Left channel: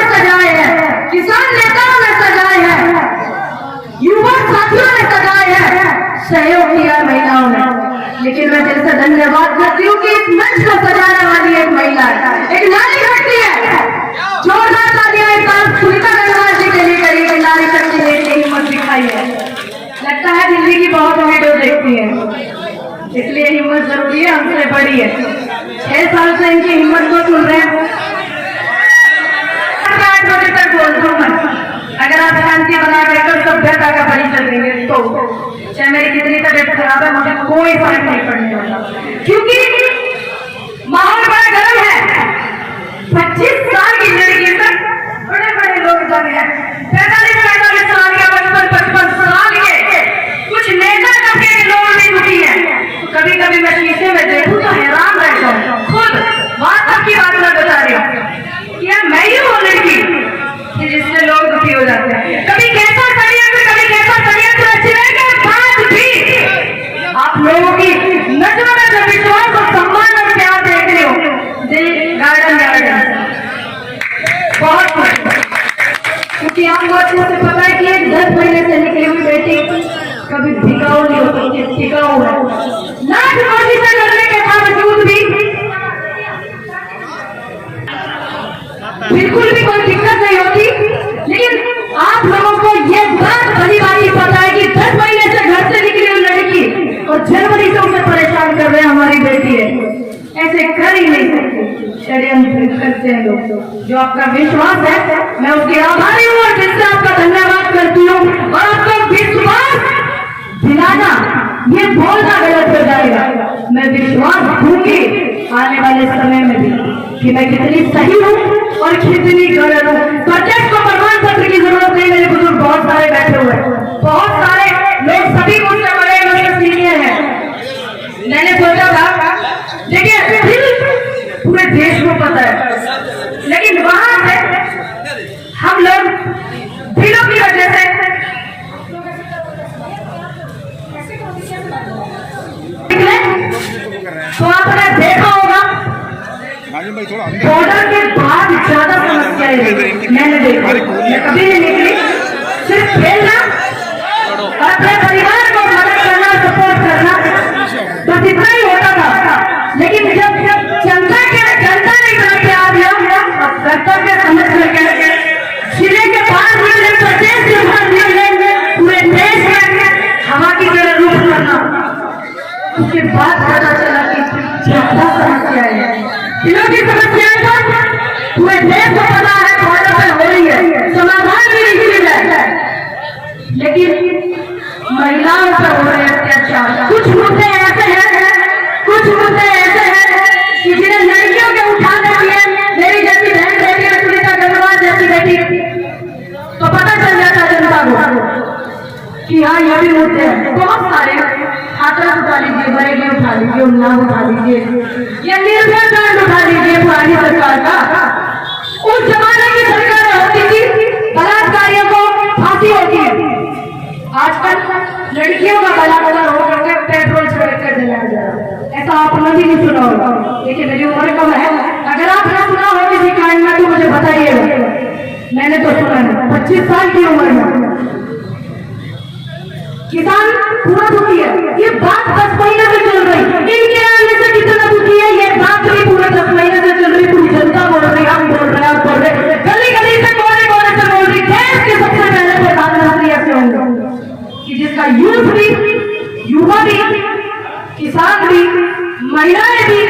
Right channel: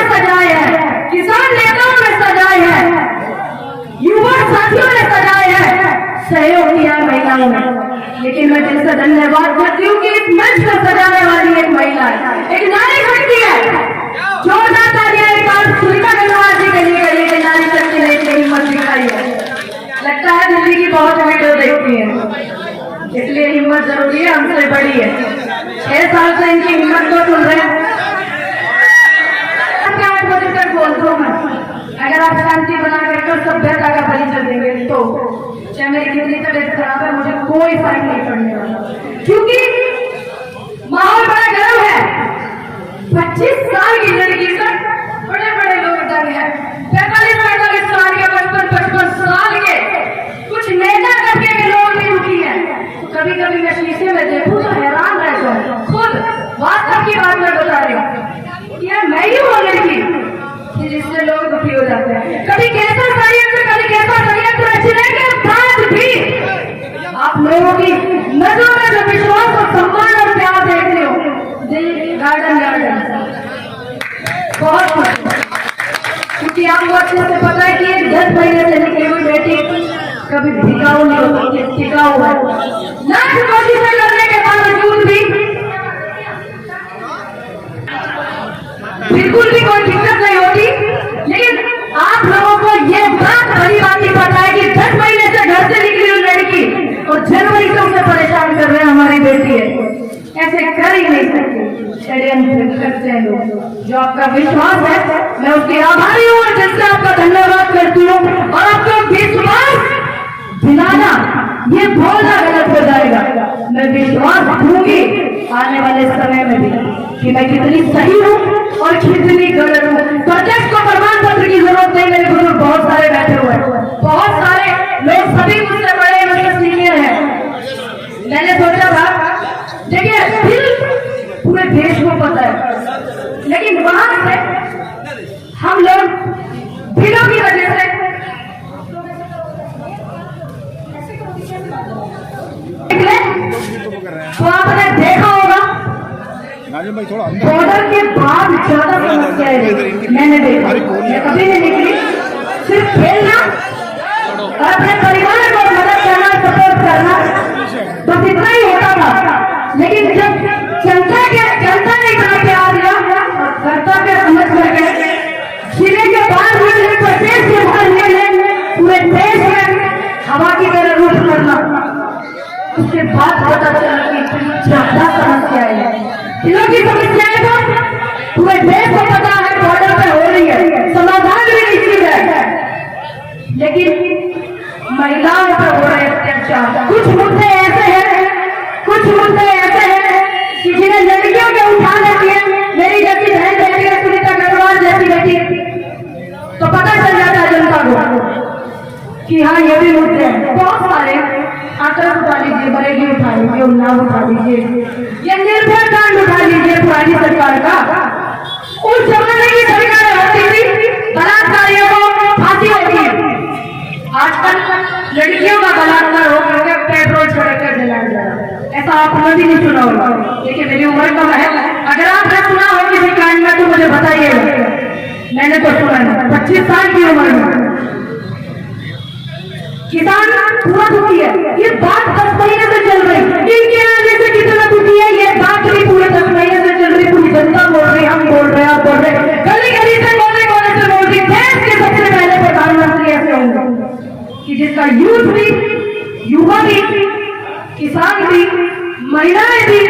ने सजाए हैं, किसान नेताओं ने सजाए हैं, युवा साथियों ने सजाए हैं, सहयोग किया महिलाओं ने। लेकिन मैं दिल से धन्यवाद करती हूँ कि इस मंच को सजाने वाली एक महिला है, एक नारी शक्ति है। जोरदार तालियां एक बार सुनीता गंगवार जी के लिए करिए, नारी शक्ति ने हिम्मत दिखाई है। लगता है दिल्ली की बहुत वीडियो देखती है, इसलिए हिम्मत जरूरी है, हमसे बड़ी है। 6 साल से इनकी हिम्मत को सुन रहे हैं। 8 बजे तक बोलता हूँ मैं, अगर आप शांति बना कर सभ्यता का परिचय देंगे तो चाहे मेरी कितनी तबीयत खराब है, मुझे कोई फर्क नहीं पड़ने वाला, क्योंकि माहौल बड़ा गर्म है। 25 साल की लड़की तक बड़े बड़े लोग जग हैं, 45-45 साल के, 55-55 साल के कुछ नेता करके लोगों ने उठी है। कभी कभी मैं शीशे में देखूं तो हैरान रहता हूँ, खुद वास्तव की बात मैं बता रही हूँ। यह मैं ही हूँ लड़की कि जिससे लोग दुखी हो जाते हैं। कभी कैसा षड्यंत्र रचने के बाद भी आप लोगों की नजरों में जो विश्वास और सम्मान और प्यार देख रहे हो, गार्डन बहुत कुछ, क्योंकि आपको अच्छे से पता है कि एक 10 महीने से निकली हुई बेटी कभी भिगाऊ नहीं हो सकती, टिकाऊ है। लाख कोशिशें करने के बावजूद भी बिल्कुल भी कोई दिक्कत नहीं होती। लेकिन आप लोगों को ये बात भली भांति पता है कि 10 महीने से घर से निकली हुई लड़की और जनवरी से उसे परेशान कर रहे हैं हमारी बेटी है, ऐसे कर ही नहीं सकते, षड्यंत्र करते हैं लोग। जो आपका विश्वास है, मैं उसकी आभारी हूँ और जिससे आपका धन्यवाद करती हूँ। और आपको विश्वास दिलाना, ये बोलना गलत हो जाएगा। मैं विश्वास दूंगी आने वाले समय में भी कि मैं कितनी सही हूँ और कितनी गलत हूँ। प्रत्यक्ष को प्रमाण पत्र की जरूरत नहीं, मेरे बुजुर्ग बहुत सारे बैठे हुए हैं, बहुत सारे लोग, सभी मुझसे बड़े मुझसे सीनियर हैं। मैंने सोचा था, देखिए दिल पूरे देश को पता है, लेकिन वहां से हम लोग दिलों की वजह से तो आपने देखा होगा बॉर्डर के बाद ज्यादा समस्याएं मैंने देखा। मैं कभी नहीं निकली, सिर्फ खेलना और अपने परिवार को मदद करना, सपोर्ट करना, बस इतना ही होता था। लेकिन जब जनता ने इतना प्यार दिया और कर्तव्य समझ करके जिले के बाहर प्रदेश के बाहर पूरे देश में हवा की तरह रुख करना, उसके बाद पता चला कि ज्यादा समस्याएं हैं, दिलों की समस्याएं तो पूरे देश को पता है बॉर्डर पर हो रही है, समाधान भी नहीं मिल है। लेकिन महिलाओं पर हो रहे अत्याचार, कुछ मुद्दे ऐसे हैं कि जिन्हें लड़कियों के उठा देती है, मेरी जैसी बहन बेटी है, सुनीता गंगवार जैसी बेटी, तो पता चल जाता है जनता को कि हाँ ये भी मुद्दे हैं। बहुत सारे हाथरस उठा लीजिए, बरेली उठा लीजिए, उन्नाव उठा लीजिए, या निर्भया कांड उठा लीजिए पुरानी सरकार का। उस जमाने की सरकार होती थी, बलात्कारियों को फांसी होती है। आजकल लड़कियों का बलात्कार हो करके पेट्रोल छोड़ कर जला जा रहा है। ऐसा आपने भी नहीं सुना होगा, देखिए मेरी उम्र कम है, अगर आपने सुना हो किसी कांड में तो मुझे बताइएगा। मैंने तो सुना है, 25 साल की उम्र में किसान पूरा दुखी है। ये बात 10 महीने से चल रही, इनके आने से कितना दुखी है ये बात भी पूरे 10 महीने से चल रही। पूरी जनता बोल रही, हम बोल रहे हैं, आप बोल रहे, गली गली से कोने से बोल रही। देश के सबसे पहले प्रधानमंत्री ऐसे होंगे कि जिसका यूथ भी, युवा भी, किसान भी, महिलाएं भी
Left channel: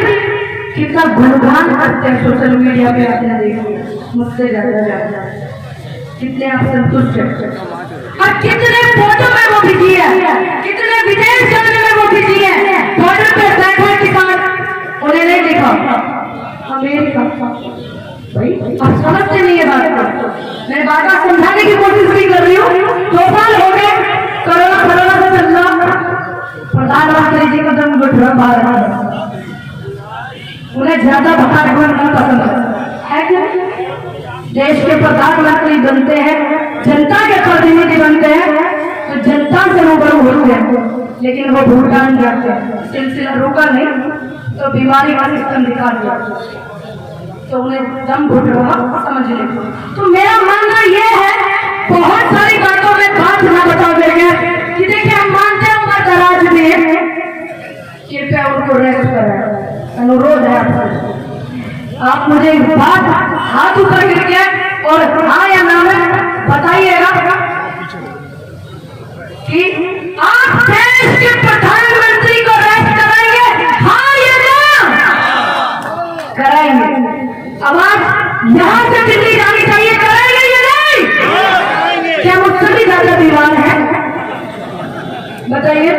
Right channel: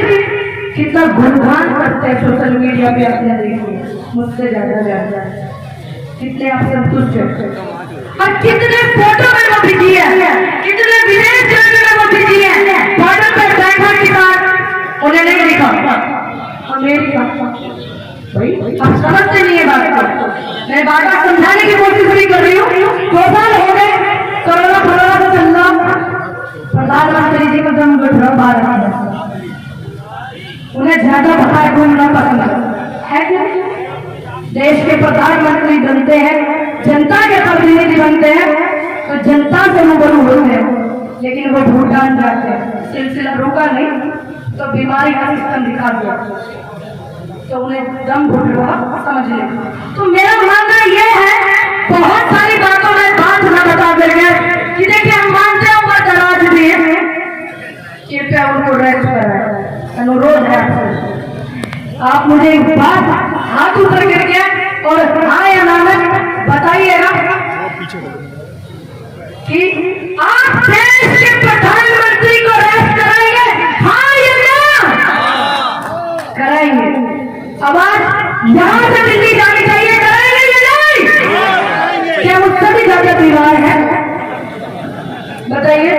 कितना गुणगान करते हैं सोशल मीडिया पे। आपने देखिए मुझसे ज्यादा कितने आप संतुष्ट हैं और कितने फोटो में वो बिजी है, कितने विदेश जाने में वो बिजी है। बॉर्डर पर बैठा किसान उन्हें नहीं दिखा अमेरिका, अब समझते नहीं है बात को। मैं बार बार समझाने की कोशिश भी कर रही हूँ। 2 साल हो गए कोरोना से चलना, प्रधानमंत्री जी का दम बैठा बाहर, उन्हें ज्यादा बाहर घूमना पसंद है क्या? देश के प्रधानमंत्री बनते हैं, जनता के प्रतिनिधि बनते हैं, तो जनता से रूबरू होते हैं। लेकिन वो भूटान जाते हैं, सिलसिला रुका नहीं तो बीमारी का सिस्टम दिखा दिया। तो उन्हें दम घुट रहा समझ ले। तो मेरा मानना यह है, बहुत सारी बातों में बात ना बता कर गया कि देखिए हम मानते हैं उम्र दराज में, कृपया उनको रेस्ट करें, अनुरोध है आप मुझे एक बात हाथ ऊपर करके और हाँ या ना में बताइएगा कि आप देश के प्रधानमंत्री को रेस्ट कराएंगे, हाँ या ना? कराएंगे। आवाज यहां से दिल्ली जानी चाहिए, कराएंगे या नहीं? क्या मुझसे भी ज्यादा बीमार है? बताइए।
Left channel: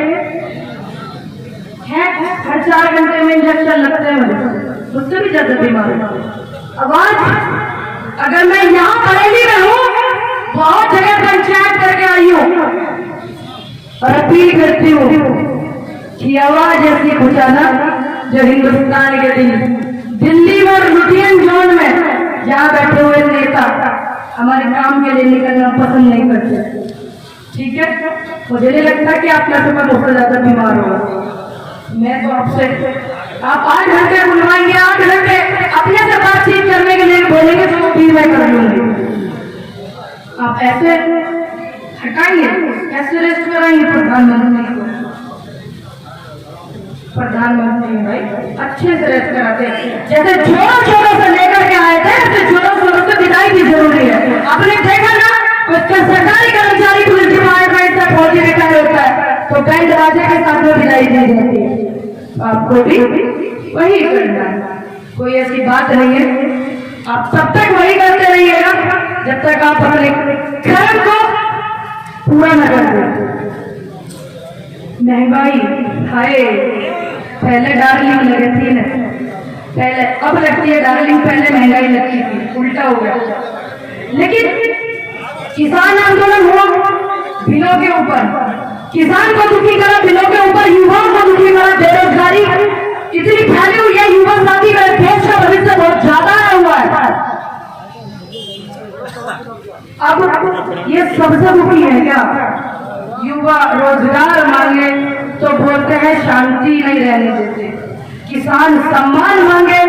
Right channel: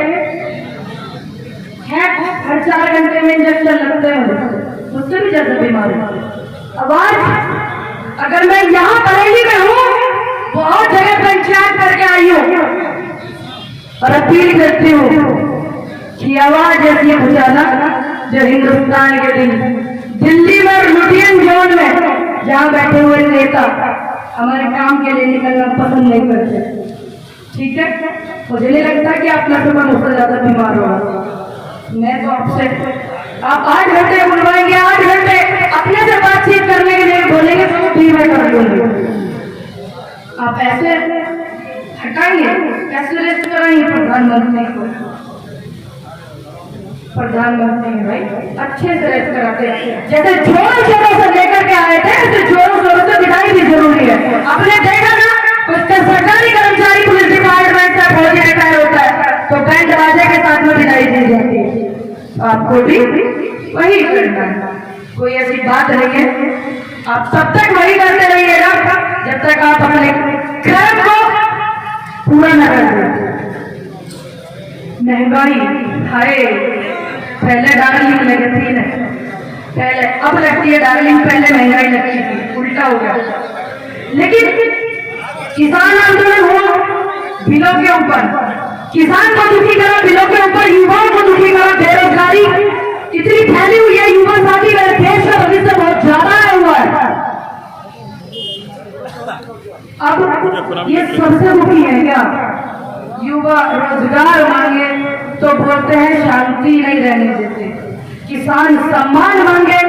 हर 4 घंटे में इंजेक्शन लगते हैं, मुझसे भी ज्यादा बीमार है। आवाज अगर मैं यहाँ बरेली में हूँ, बहुत जगह पंचायत करके आई हूँ और अपील करती हूँ कि आवाज ऐसी पहुंचाना जो हिंदुस्तान के दिल्ली में लुधियन जोन में जहाँ बैठे हुए नेता हमारे काम के लिए निकलना पसंद नहीं करते, ठीक है? मुझे नहीं लगता कि आप कैसे में बहुत ज्यादा बीमार होगा। मैं तो आपसे आप 8 घंटे बुलवाएंगे, 8 घंटे अपने से बातचीत करने के लिए बोलेंगे तो भी मैं कर लूंगी। आप ऐसे हटाएंगे, कैसे रेस्ट कराएंगे प्रधानमंत्री को? प्रधानमंत्री भाई अच्छे से रेस्ट कराते हैं, जैसे जोरों शोरों से लेकर के आए थे ऐसे जोरों शोरों से विदाई भी जरूरी है। आपने देखा ना कुछ सरकारी कर्मचारी पुलिस डिपार्टमेंट से फौजी रिटायर होता है तो बैंड बाजे के साथ में विदाई दी जाती है, आपको भी वही करना है। कोई ऐसी बात नहीं है, आप तब तक वही करते रहिएगा जब तक आप अपने कर्म को पूरा न कर दो। महंगाई हाय, पहले डार्लिंग लगी थी ना, पहले अब लगती है डार्लिंग, पहले महंगाई लगती थी, उल्टा हो गया। लेकिन किसान आंदोलन हुआ बिलों के ऊपर, किसान को दुखी करा बिलों के ऊपर, युवाओं को दुखी करा, बेरोजगारी इतनी फैली हुई है, युवा साथी का देश का भविष्य बहुत ज्यादा आया हुआ है। अब ये सबसे दुखी है क्या? युवा रोजगार मांगे तो बोलते हैं शांति नहीं रहने देते, किसान सम्मान मांगे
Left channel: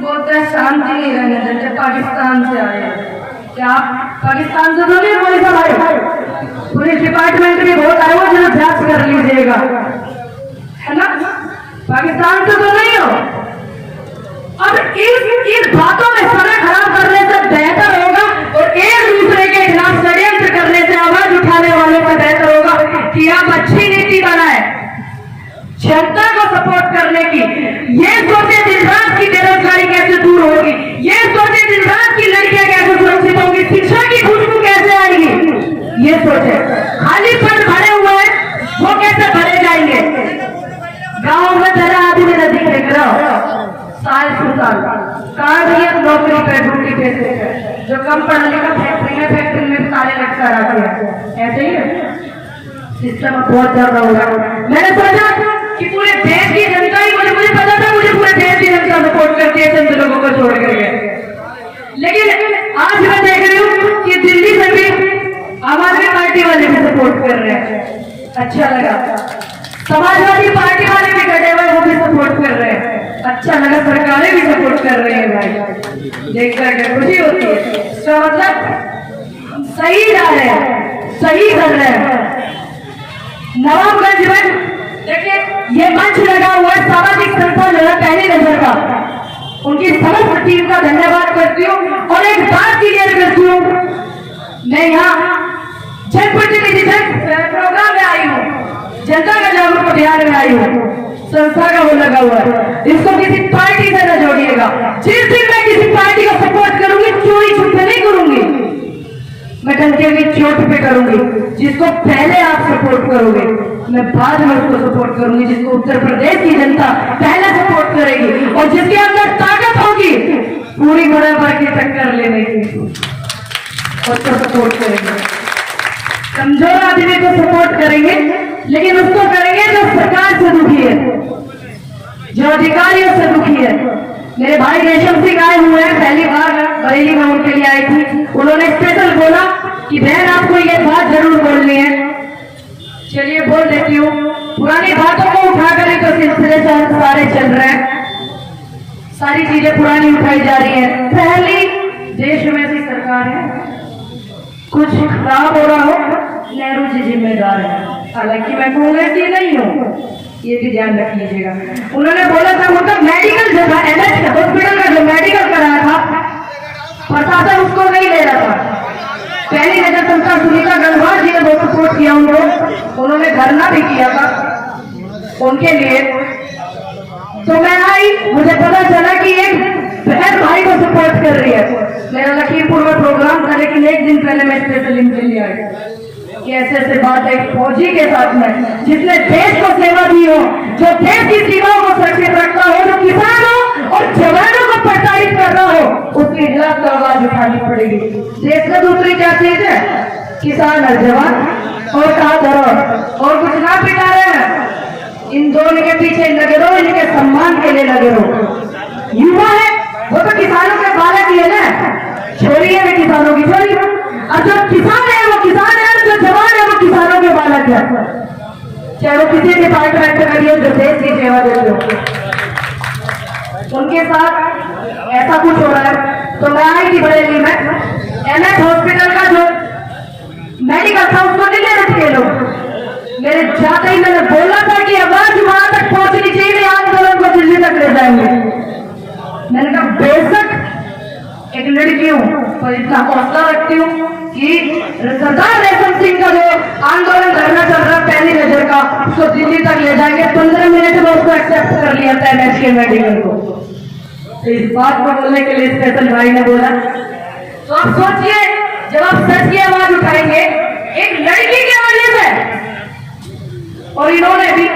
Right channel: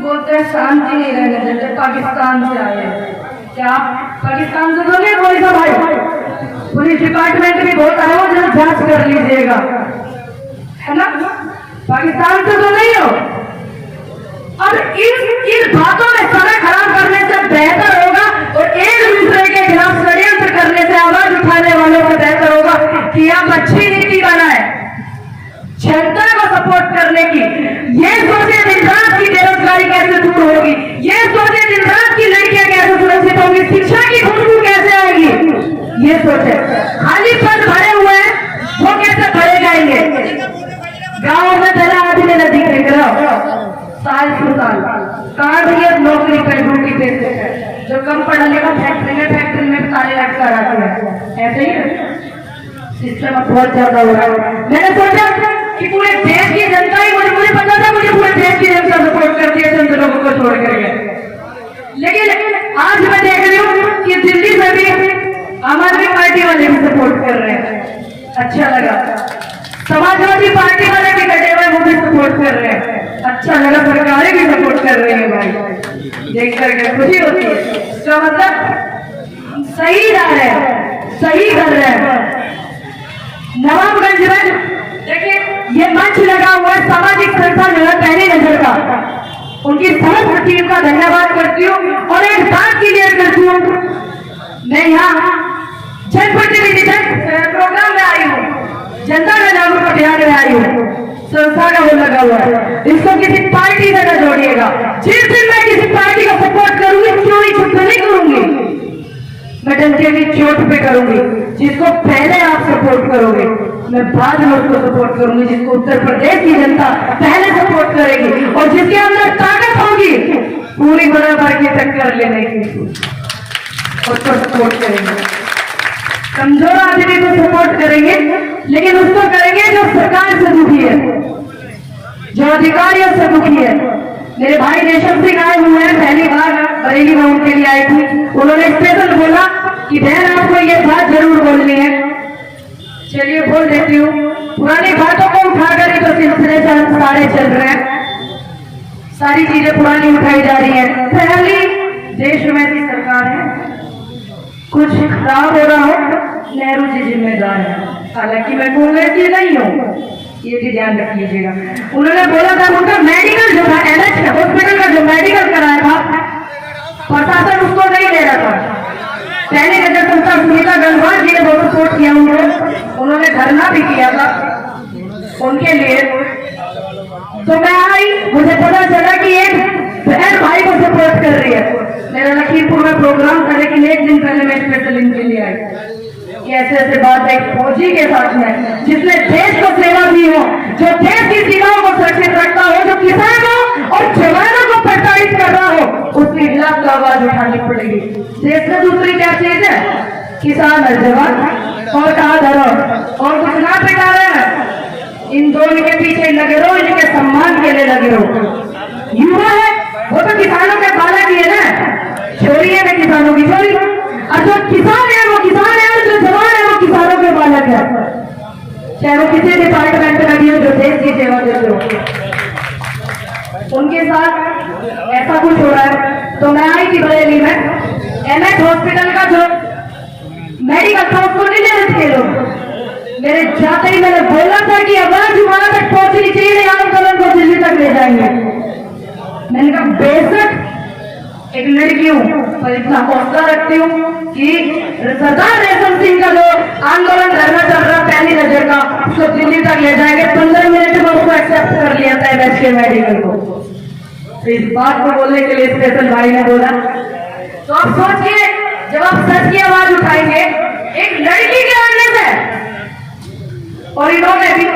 बोलते हैं शांति नहीं रहने देते। पाकिस्तान से आए, क्या पाकिस्तान से तो नहीं कोई सा भाई, पुलिस डिपार्टमेंट भी बहुत आए हो, जरा जांच कर लीजिएगा, है ना? पाकिस्तान से तो नहीं हो। अब इस बातों में समय खराब करने से बेहतर होगा और एक दूसरे के खिलाफ षड्यंत्र करने से आवाज उठाने वालों से बेहतर होगा कि आप अच्छी नीति बनाए, जनता को सपोर्ट करने की। ये सोचे दिन रात की बेरोजगारी कैसे दूर होगी, ये सोचे दिन रात की लड़कियां कैसे सुरक्षित होंगी, शिक्षा की खुशबू कैसे आएगी, ये सोचे। खाली पद भरे हुए हैं वो कैसे भरे जाएंगे? गांव में तेरा आदमी नदी देख रहा साल कहा भैया नौकरी पे ड्यूटी पे जो कम पढ़ा लिखा फैक्ट्री में सारे लटका रखे हैं, ऐसे ही सिस्टम बहुत ज्यादा हो रहा है। मैंने सोचा कि पूरे देश की जनता ही मुझे पता था मुझे पूरे देश की जनता सपोर्ट करती है चंद लोगों को छोड़ करके, लेकिन आज मैं देख रही हूँ कि दिल्ली में भी आम आदमी पार्टी वाले भी सपोर्ट कर रहे हैं। अच्छा लगा, समाजवादी पार्टी वाले भी कटे हुए वो भी सपोर्ट कर रहे हैं। अच्छा लगा, सरकारें भी सपोर्ट कर रही है भाई, देख करके खुशी होती है। तो मतलब सही जा रहे हैं, सही कर रहे हैं। नवाबगंज में देखिए ये मंच लगा हुआ है, सामाजिक संस्था जो है पहले नजर का, उनकी समस्त टीम का धन्यवाद करती हूँ। और एक बात क्लियर करती हूँ, मैं यहाँ जनप्रतिनिधि प्रोग्राम में आई हूँ, जनता का जागरूक अभियान में आई हूँ, संस्था का वो लगा हुआ है, इसको किसी पार्टी से न जोड़िएगा। जिस दिन मैं किसी पार्टी को सपोर्ट करूंगी चोरी छुप नहीं करूंगी, मैं डंडे की चोट पे करूंगी। जिसको पहले आप सपोर्ट करोगे मैं बाद में उसको सपोर्ट करूंगी, जिसको उत्तर प्रदेश की जनता पहले सपोर्ट करेगी और जिसके अंदर ताकत होगी पूरी बराबर की टक्कर लेने की, उसको सपोर्ट करेंगे। कमजोर आदमी को सपोर्ट करेंगे, लेकिन उसको करेंगे जो सरकार से दुखी है, जो अधिकारियों से दुखी है। मेरे भाई रेशम सिंह आए हुए हैं, पहली बार बरेली में उनके लिए आई थी, उन्होंने स्पेशल बोला कि बहन आपको ये बात जरूर बोलनी है। चलिए बोल देती हूँ, पुरानी बातों को उठाकर ही तो सिलसिले से हम सारे चल रहे हैं। सारी चीजें पुरानी उठाई जा रही है। पहली देश में ऐसी सरकार है, कुछ खराब हो रहा हो नेहरू जी जिम्मेदार है। हालांकि मैं कांग्रेस की नहीं हूँ, ये भी ध्यान रख लीजिएगा। उन्होंने बोला था उनका मेडिकल जो था एनएच हॉस्पिटल का जो मेडिकल कराया था प्रशासन उसको नहीं ले रहा था। पहले नगर संस्था सुनीता गंगवार जी ने बहुत सपोर्ट किया उनको, उन्होंने धरना भी किया था उनके लिए। तो मैं आई, मुझे पता चला कि एक बहन भाई को सपोर्ट कर रही है। मेरा लखीमपुर में प्रोग्राम था, लेकिन एक दिन पहले मैं स्पेशल इनके लिए आई कि ऐसे ऐसे बात है फौजी के साथ में जिसने देश को सेवा दी हो, जो देश की सीमाओं को सुरक्षित रखता हो, जो किसानों और जवानों को प्रताड़ित कर रहा हो, उसके खिलाफ तो आवाज उठानी पड़ेगी। देश में दूसरी क्या चीज है? किसान और जवान, और कहा धरो और कुछ ना पिटा रहे हैं। इन दोनों के पीछे लगे रहो, इनके सम्मान के लिए लगे रहो। युवा है वो तो किसानों के बालक ही है ना, छोरी है वे किसानों की छोरी, और जो किसान है वो किसान है, और जो जवान है वो किसानों के बालक है, चाहे वो किसी डिपार्टमेंट में लगी हो जो देश की सेवा देते हो। उनके साथ ऐसा कुछ हो रहा है। तो मैं आई थी बरेली में, एनएच हॉस्पिटल का जो मेडिकल था उसको नहीं ले रहे थे लोग। मेरे जाते ही मैंने बोला था कि आवाज वहां तक पहुंचनी चाहिए, आंदोलन को दिल्ली तक ले जाएंगे। मैंने कहा बेशक एक लड़की हूं पर इतना हौसला रखती हूँ कि सरदार रेशम सिंह का जो आंदोलन करना चल रहा पहली नजर का, उसको दिल्ली तक ले जाएंगे। 15 मिनट में उसको एक्सेप्ट कर लिया था एनएच के मेडिकल को। तो इस बात को बोलने के लिए स्पेशल भाई ने बोला। तो आप सोचिए, जब आप सच की आवाज उठाएंगे एक लड़की के वजह से, और इन्होंने भी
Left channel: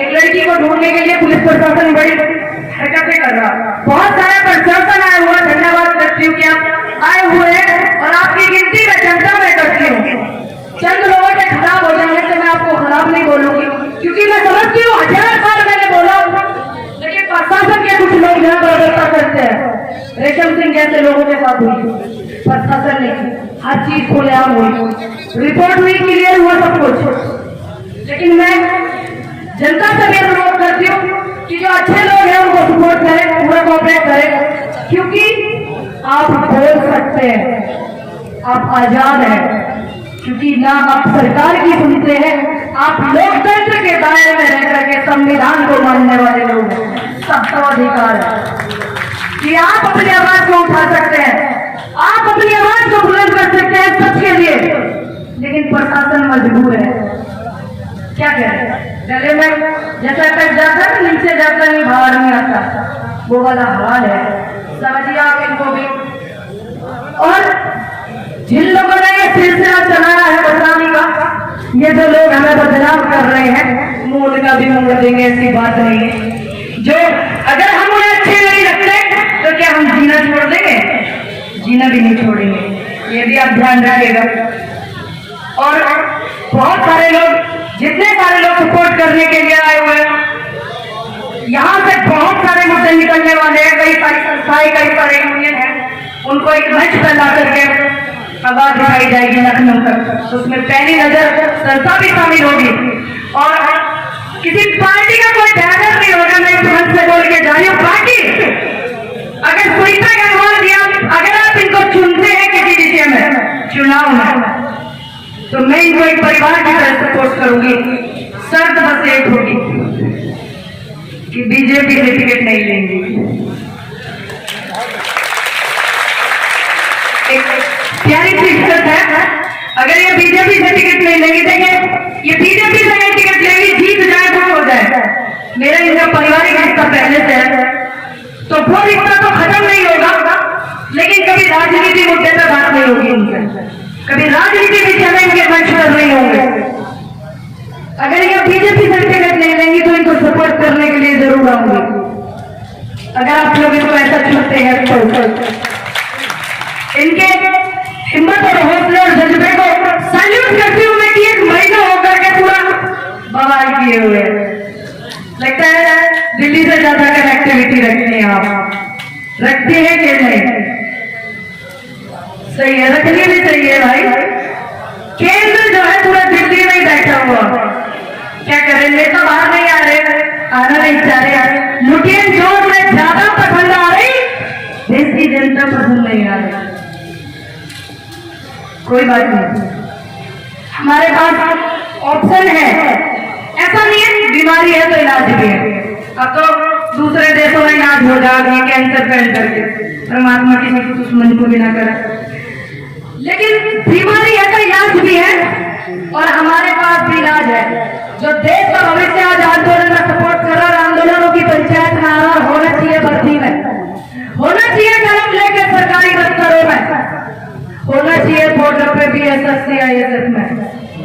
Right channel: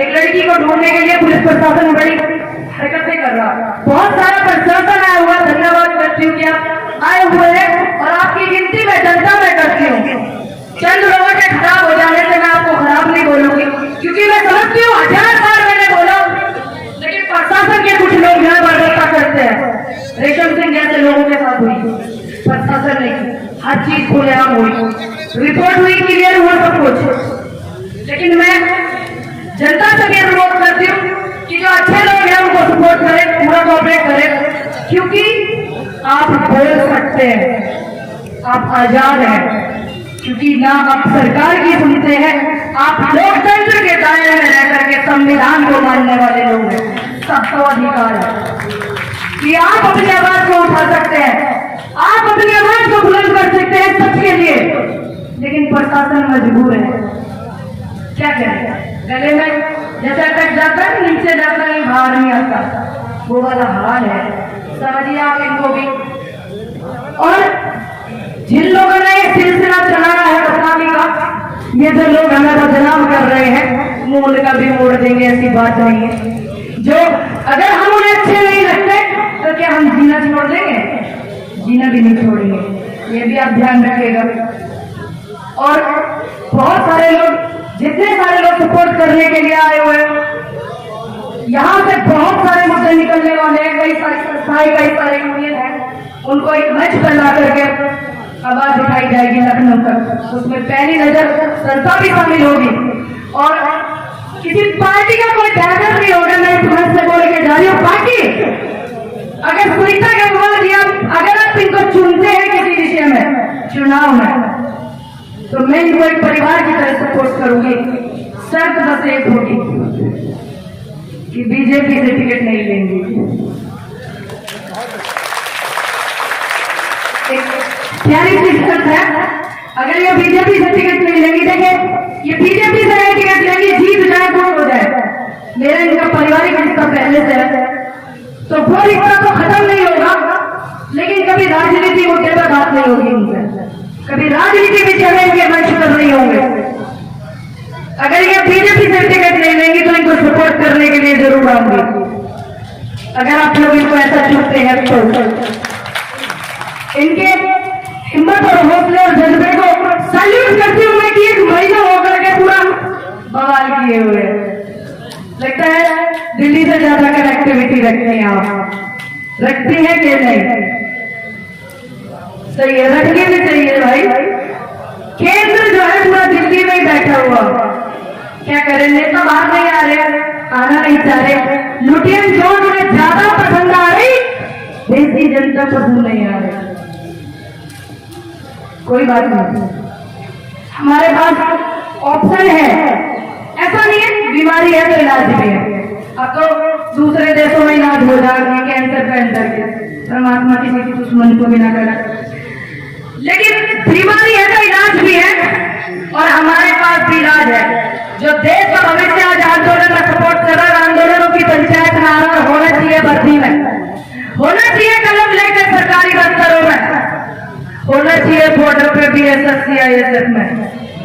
एक लड़की को ढूंढने के लिए पुलिस प्रशासन बड़ी हरकतें कर रहा। बहुत सारा प्रशासन आया हुआ, धन्यवाद करती हूँ कि आप आए हुए हैं और आपकी गिनती में जनता में करती हूँ। चंद लोगों के खराब हो जाने से मैं आपको खराब नहीं बोलूंगी, क्योंकि मैं समझती हूँ 1000 बार मैंने बोला, लेकिन प्रशासन के कुछ लोग यहाँ बर्बरता करते हैं। रेशम सिंह जैसे लोगों के साथ हुई, प्रशासन ने हर चीज खुलेआम हुई, रिपोर्ट हुई, क्लियर हुआ सब कुछ। लेकिन मैं जनता से भी अनुरोध करती हूँ कि जो अच्छे लोग हैं उनको सपोर्ट करें, पूरा कोऑपरेट करें, क्योंकि आप बोल सकते हैं, आप आजाद हैं, क्योंकि ना आप सरकार की सुनते हैं, आप लोकतंत्र के दायरे में रह करके संविधान को मानने वाले लोग हैं। सबको अधिकार है कि आप अपनी आवाज को उठा सकते हैं, आप अपनी आवाज को बुलंद कर सकते हैं सबके लिए। लेकिन प्रशासन मजबूर है, क्या करें? गले में जैसे तक जाकर नीचे जाकर ही बाहर नहीं आता, वो वाला हाल है। समझिए आप इनको भी। और जिन लोगों ने ये सिलसिला चलाया है बदनामी का, ये जो लोग हमें बदनाम कर रहे हैं, मूल का भी मोड़ देंगे, ऐसी बात नहीं है। जो अगर हम उन्हें अच्छे नहीं लगते तो क्या हम जीना छोड़ देंगे? जीना भी नहीं छोड़ेंगे, ये भी आप ध्यान रखिएगा। और बहुत सारे लोग, जितने सारे लोग सपोर्ट करने के लिए आए हुए हैं, यहाँ से बहुत सारे मुद्दे निकलने वाले हैं। कई सारी संस्थाएं, कई सारे यूनियन है, उनको एक मंच पर ला करके आवाज उठाई जाएगी लखनऊ तक। तो उसमें पहली नजर संस्था भी शामिल होगी और किसी पार्टी का कोई बैनर नहीं होगा। मैं तुरंत से बोल के जा रही हूँ, पार्टी अगर सुनीता गंगवार जी, अगर आप इनको चुनते हैं किसी विषय में चुनाव में, तो मैं इनको एक परिवार की तरह सपोर्ट करूंगी। शर्त बस एक होगी कि बीजेपी से टिकट नहीं लेंगी। एक प्यारी सी शर्त है, अगर ये बीजेपी से टिकट नहीं लेंगी, देखिए ये बीजेपी से ये टिकट लेंगी, जीत जाए तो हो जाए, मेरा इनका पारिवारिक रिश्ता पहले से है, तो वो रिश्ता तो खत्म नहीं होगा, लेकिन कभी राजनीति मुद्दे पर बात नहीं होगी उनसे, कभी राजनीति भी चलेंगे, मैच्योर नहीं होंगे। अगर ये बीजेपी से टिकट नहीं लेंगी तो इनको सपोर्ट करने के लिए जरूर आऊंगी। अगर आप लोग इनको ऐसा चुनते हैं तो इनके हिम्मत और हौसले और जज्बे को सैल्यूट करती हूँ मैं कि एक महीना होकर के पूरा बवाल किए हुए। लगता है दिल्ली से ज्यादा कनेक्टिविटी रखते हैं आप, रखते हैं कि नहीं? सही है, रखनी भी चाहिए भाई। केंद्र जो है पूरा दिल्ली में ही बैठा हुआ, क्या करें? नेता बाहर नहीं आ रहे, आना नहीं चाह रहे, लुटियन जो उन्हें ज्यादा पसंद आ रही, देश की जनता पसंद नहीं आ रही। कोई बात नहीं, हमारे पास ऑप्शन है। ऐसा नहीं है बीमारी है तो इलाज भी है। अब तो दूसरे देशों में इलाज हो जाएगा कैंसर पेंटर के, परमात्मा किसी की दुश्मनी को भी ना करे, लेकिन बीमारी है तो इलाज भी है और हमारे पास भी इलाज है। जो देश का भविष्य आज आंदोलन में सपोर्ट कर रहा है, आंदोलनों की पंचायत में आना होना चाहिए, भर्ती में होना चाहिए, कलम लेकर सरकारी दफ्तरों में होना चाहिए, बॉर्डर पे भी SSC-ISF में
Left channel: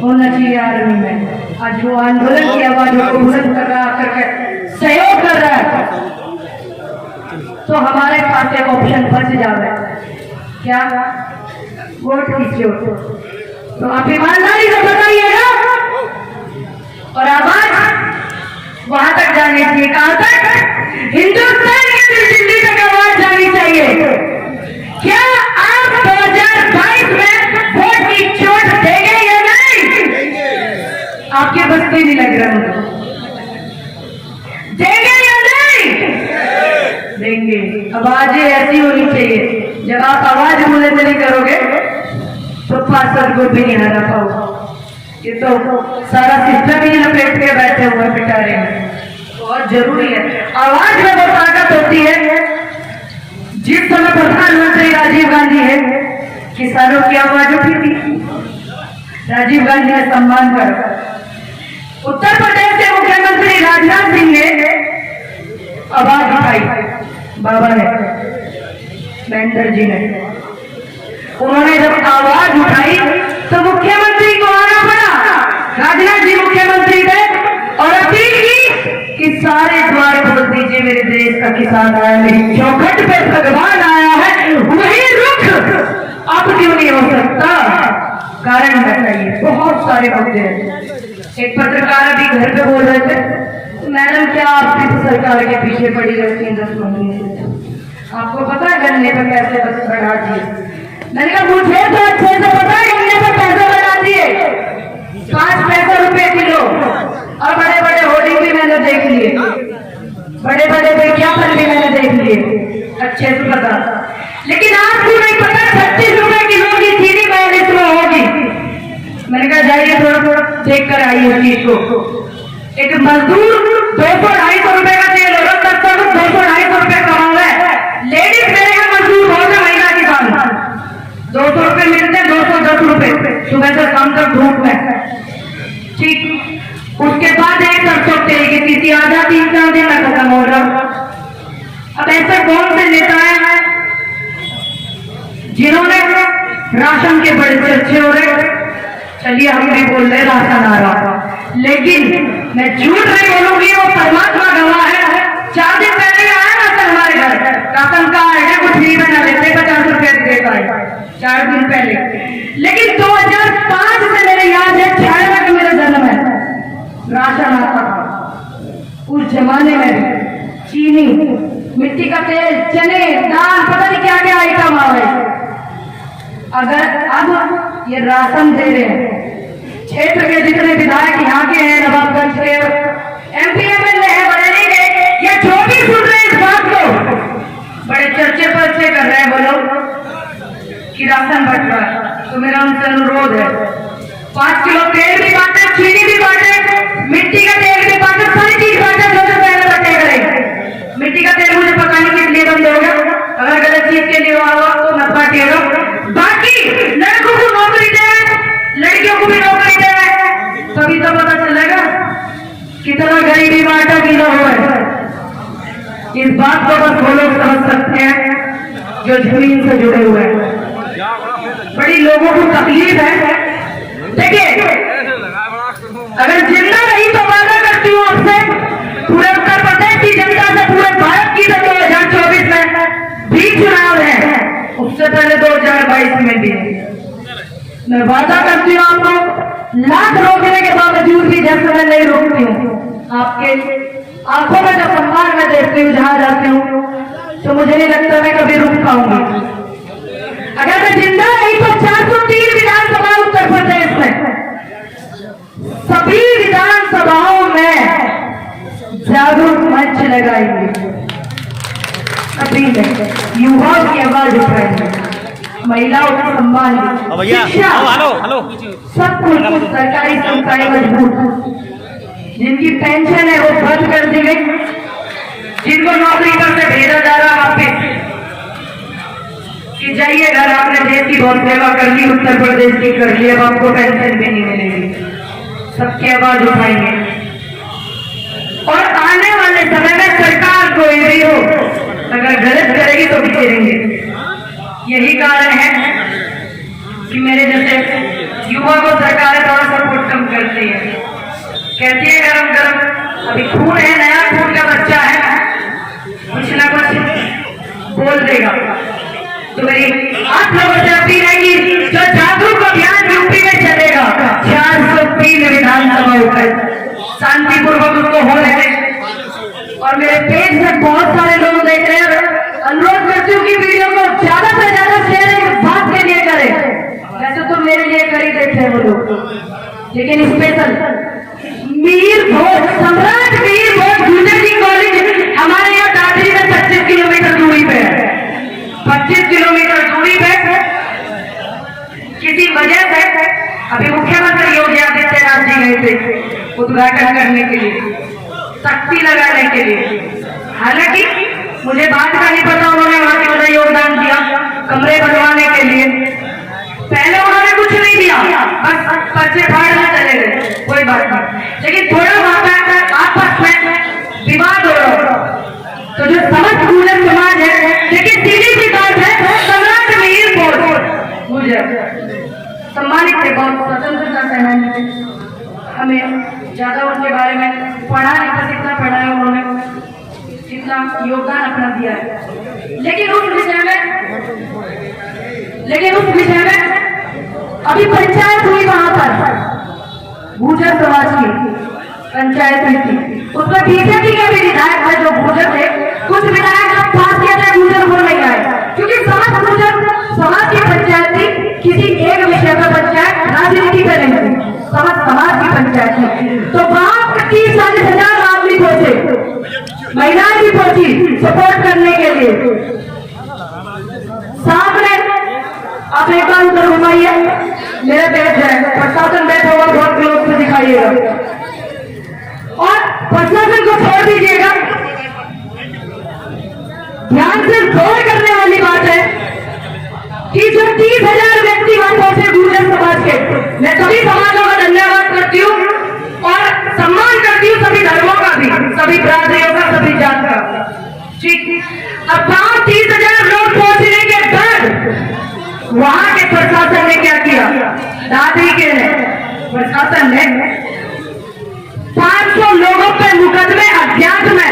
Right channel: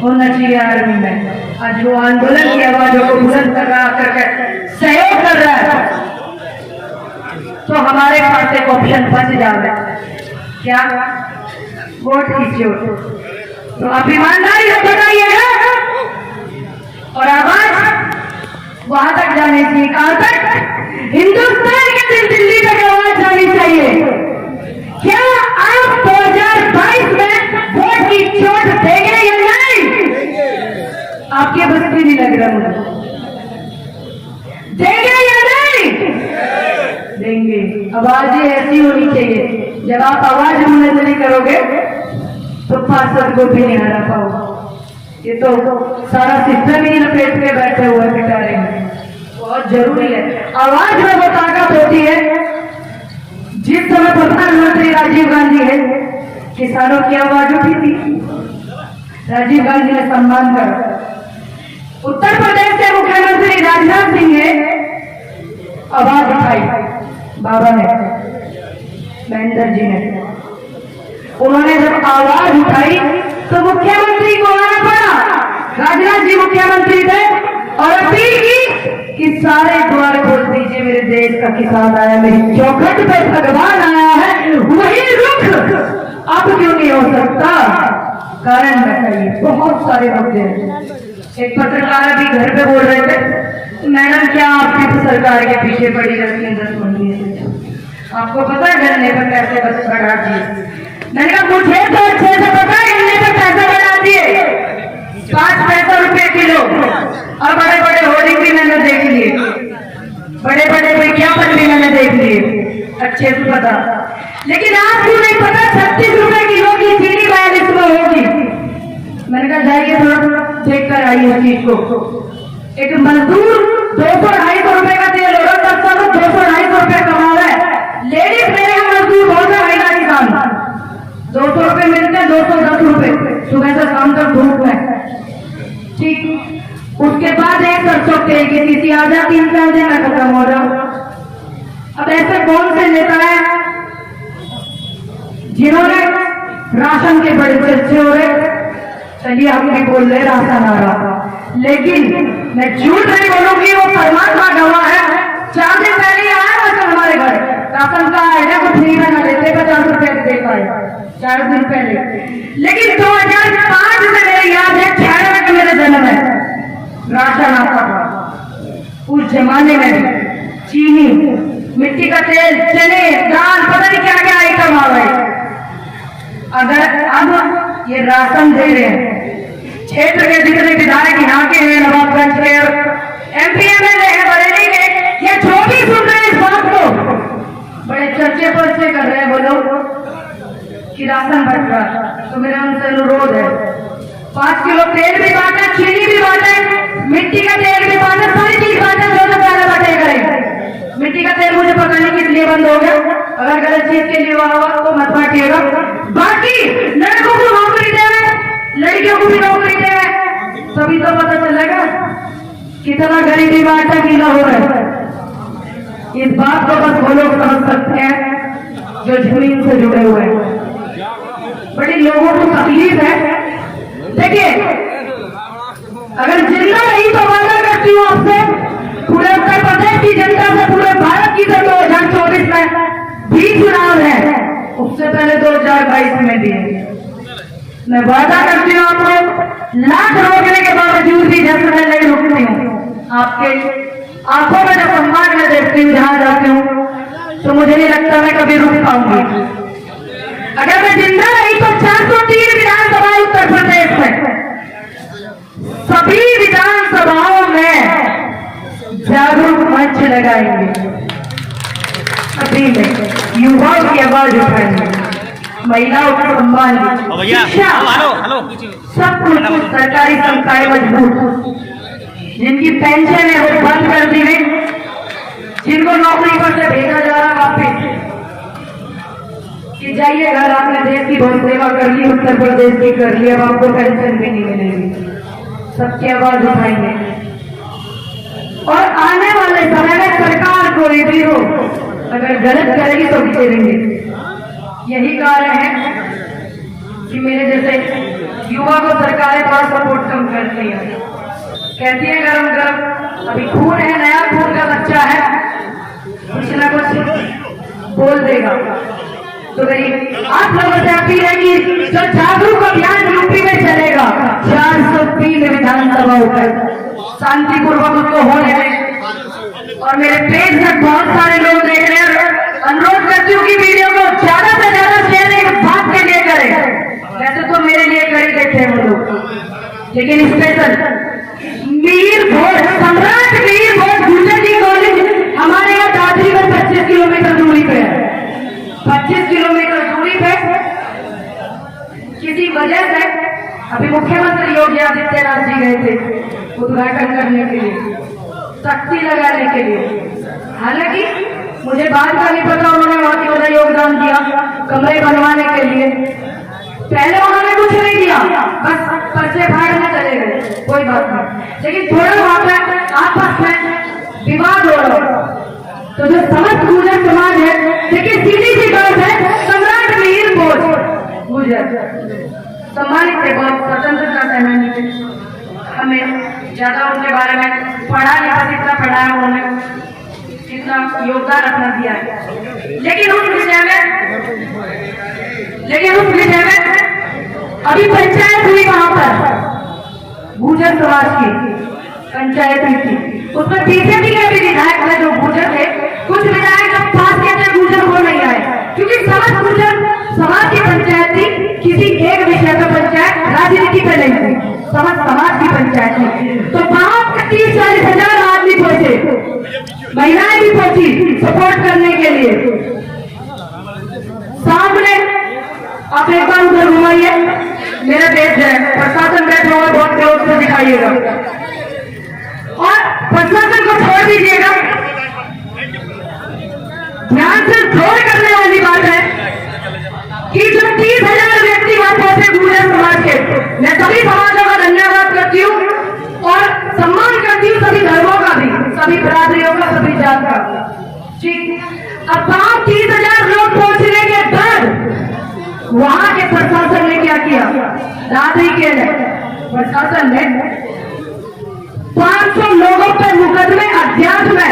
होना चाहिए, आर्मी में। आज जो आंदोलन की आवाजों को बुलंद कर रहा करके सहयोग कर रहा है, तो हमारे पास एक ऑप्शन बच जाए, क्या? वोट कीजिए। तो आप ईमानदारी से बताइएगा और आवाज वहां तक जानी चाहिए, कहां तक? हिंदुस्तान के दिल्ली तक आवाज जानी चाहिए। क्या आप 2022 में वोट की चोट देंगे या नहीं? आपके बस्ती नहीं लग रहा मुझे, देंगे या नहीं? देंगे। आवाज ऐसी होनी चाहिए, जब आप आवाज बुलंद नहीं करोगे तो पार्षद को भी नहीं हरा पाओ। ये तो सारा सिस्टम ही लपेट के बैठे हुए बेचारे हैं। बहुत जरूरी है, आवाज में वो ताकत होती है। जिस समय प्रधानमंत्री राजीव गांधी है, किसानों की आवाज उठी थी, राजीव गांधी ने सम्मान करा। उत्तर प्रदेश के मुख्यमंत्री राजनाथ सिंह ने आवाज उठाई, बाबा ने, महेंद्र जी ने, उन्होंने जब आवाज उठाई तो मुख्यमंत्री को आना पड़ा। राजनाथ जी मुख्यमंत्री थे और अपील की कि सारे द्वार बोल दीजिए, मेरे देश का किसान आया, मेरी चौखट पे भगवान आया है, वही रुख अब क्यों नहीं हो सकता? कारण बताइए। बहुत सारे मुद्दे हैं। एक पत्रकार अभी घर पे बोल रहे थे, मैडम क्या आपकी तो सरकार के पीछे पड़ी रहती है 10 महीने से, आपको पता है गन्ने पे पैसे बढ़ा दिए? मैंने कहा मुझे तो अच्छे से पता है, गन्ने पे पैसे बढ़ा दिए 5 पैसे रुपए किलो, और बड़े बड़े होर्डिंग भी मैंने देख लिए, बड़े बड़े विज्ञापन भी मैंने देख लिए, अच्छे से पता। लेकिन आपको नहीं पता 36 रुपए किलो की चीनी 42 में होगी। मैंने कहा जाइए थोड़ा थोड़ा देख कर आइए उस चीज को। एक मजदूर 200-250 रुपए का तेल हो रहा, तब तक 200-250 रुपए कमा रहा है। लेडीज मेरे यहाँ मजदूर बहुत है, महिला किसान 200 रुपए मिलते हैं, 210 रुपए सुबह से शाम तक धूप में, ठीक। उसके बाद एक सरसों तेल की किसी आधा 3-4 दिन में खत्म हो रहा। अब ऐसे कौन से नेता हैं जिन्होंने राशन के बड़े चर्चे हो रहे? चलिए हम भी बोल रहे राशन आ रहा, लेकिन मैं झूठ नहीं बोलूंगी, वो परमात्मा गवाह है। 4 दिन पहले आया राशन हमारे घर, राशन का आइडिया कुछ नहीं बना लेते, 50 रुपए देता है 4 दिन पहले। लेकिन 2005 से मेरे याद है, 96 का मेरा जन्म है, राशन आता था। उस जमाने में चीनी, मिट्टी का तेल, चने, दाल, पता नहीं क्या क्या आइटम आ गए। अगर अब ये राशन दे रहे हैं, क्षेत्र के जितने विधायक यहाँ के हैं, नवाबगंज के MP MLA है, बरेली के, या जो भी सुन रहे हैं इस बात को, बड़े चर्चे पर से कर रहे हैं बोलो कि राशन बंटवा। तो मेरा उनसे अनुरोध है, 5 किलो तेल भी बांटे, चीनी भी बांटे, मिट्टी का तेल भी बांटे, सारी चीज बांटे, जो पहले बटे करें। मिट्टी का तेल मुझे पता नहीं किस लिए बंद हो गया, अगर गलत चीज के लिए हुआ तो मत बांटिएगा। बाकी लड़कों को नौकरी देवे, लड़कियों को भी नौकरी देवे, तभी तो पता चलेगा कितना गरीबी में आटा गीला हुआ है। इस बात को बस वो लोग समझ सकते हैं जो जमीन से जुड़े हुए हैं। बड़ी लोगों को तकलीफ है। देखिए, अगर जिंदा रही तो वादा करती हूँ आपसे, पूरे उत्तर प्रदेश की जनता से, पूरे भारत की, 2024 में भी चुनाव है, उससे पहले 2022 में भी मैं वादा करती हूँ आपको, लाख रोकने के बावजूद भी जब मैं नहीं रोकती हूँ। आपके आंखों में जब सम्मान में देखती हूँ जहां जाती हूँ, तो मुझे नहीं लगता मैं कभी रुक पाऊंगी। अगर मैं जिंदा रही तो 403 विधानसभा उत्तर प्रदेश में, सभी विधानसभाओं में जागरूक आएंगे, अभी युवाओं की आवाज उठाएंगे, महिलाओं का सम्मान, शिक्षा, सब कुछ सरकारी संस्थाएं मजबूत, जिनकी पेंशन है वो बंद कर दी गई, जिनको नौकरी पर से भेजा जा रहा वापिस कि जाइए घर, आपने देश की बहुत सेवा कर ली, उत्तर प्रदेश की कर ली, अब आपको पेंशन भी नहीं मिलेगी। सबकी आवाज उठाएंगे और आने वाले समय में सरकार कोई भी हो अगर गलत करेगी तो बिचरेंगे। यही कारण है कि मेरे जैसे युवा को सरकारें थोड़ा सपोर्ट कम करती है, कहती है गरम गरम अभी खून है, नया खून का बच्चा है, कुछ ना कुछ बोल देगा। तो मेरी आप लोगों से अपील है कि जो जागरूक अभियान यूपी में चलेगा, 403 विधानसभा पर शांतिपूर्वक उसको हो रहे, और मेरे पेज में बहुत सारे लोग देख रहे हैं, अनुरोध करती हूँ कि वीडियो को ज्यादा से ज्यादा शेयर एक बात के लिए करें। वैसे तो मेरे लिए कर ही बैठे वो लोग, लेकिन स्पेशल मीर भोज, सम्राट मीर भोज गुर्जर जी कॉलेज हमारे यहाँ दादरी में 25 किलोमीटर दूरी पे है, 25 किलोमीटर दूरी पे किसी वजह से अभी मुख्यमंत्री योगी आदित्यनाथ जी गए थे उद्घाटन करने के लिए, शक्ति लगाने के लिए। हालांकि मुझे बात का नहीं पता उन्होंने वहां की वजह योगदान दिया कमरे बनवाने के लिए, पहले उन्होंने कुछ नहीं दिया, बस पर्चे फाड़ने चले गए, कोई बात नहीं, लेकिन थोड़ा वहां पर आपस में विवाद हो रहा, तो जो समस्त गुर्जर समाज है, लेकिन सीधी सी बात है, सम्राट मीर भोज गुर्जर सम्मानित थे बहुत स्वतंत्रता सेनानी थे, हमें ज्यादा उनके बारे में पढ़ा नहीं था, जितना पढ़ा है उन्होंने, जितना योगदान अपना दिया है, लेकिन उस विषय में अभी पंचायत हुई वहां पर गुर्जर समाज की पंचायत हुई थी, उसमें बीजेपी के भी विधायक है जो गुर्जर थे, कुछ विधायक अब पास किया था गुर्जर वो नहीं आए, क्योंकि समस्त गुर्जर समाज की पंचायत थी, किसी एक विषय पर पंचायत राजनीति पे नहीं थी, समस्त समाज की पंचायत थी, तो वहां 30-40 हजार आदमी पहुंचे, महिलाएं भी पहुंची सपोर्ट करने के लिए। सामने आप एक बार उधर घुमाइए, मेरे पेज है, प्रशासन बैठा हुआ बहुत विरोध से दिखाइएगा, और प्रशासन को छोड़ दीजिएगा, ध्यान से गौर करने वाली बात है कि जो 30,000 व्यक्ति वहां पहुंचे गुर्जर समाज के, मैं सभी समाजों का धन्यवाद करती हूँ और सम्मान करती हूँ सभी धर्मों का भी, सभी बिरादरियों का, सभी जात का, ठीक। अब वहां 30,000 लोग पहुंचने के बाद वहां के प्रशासन ने क्या किया, दादरी के प्रशासन ने 500 लोगों पर मुकदमे अज्ञात में,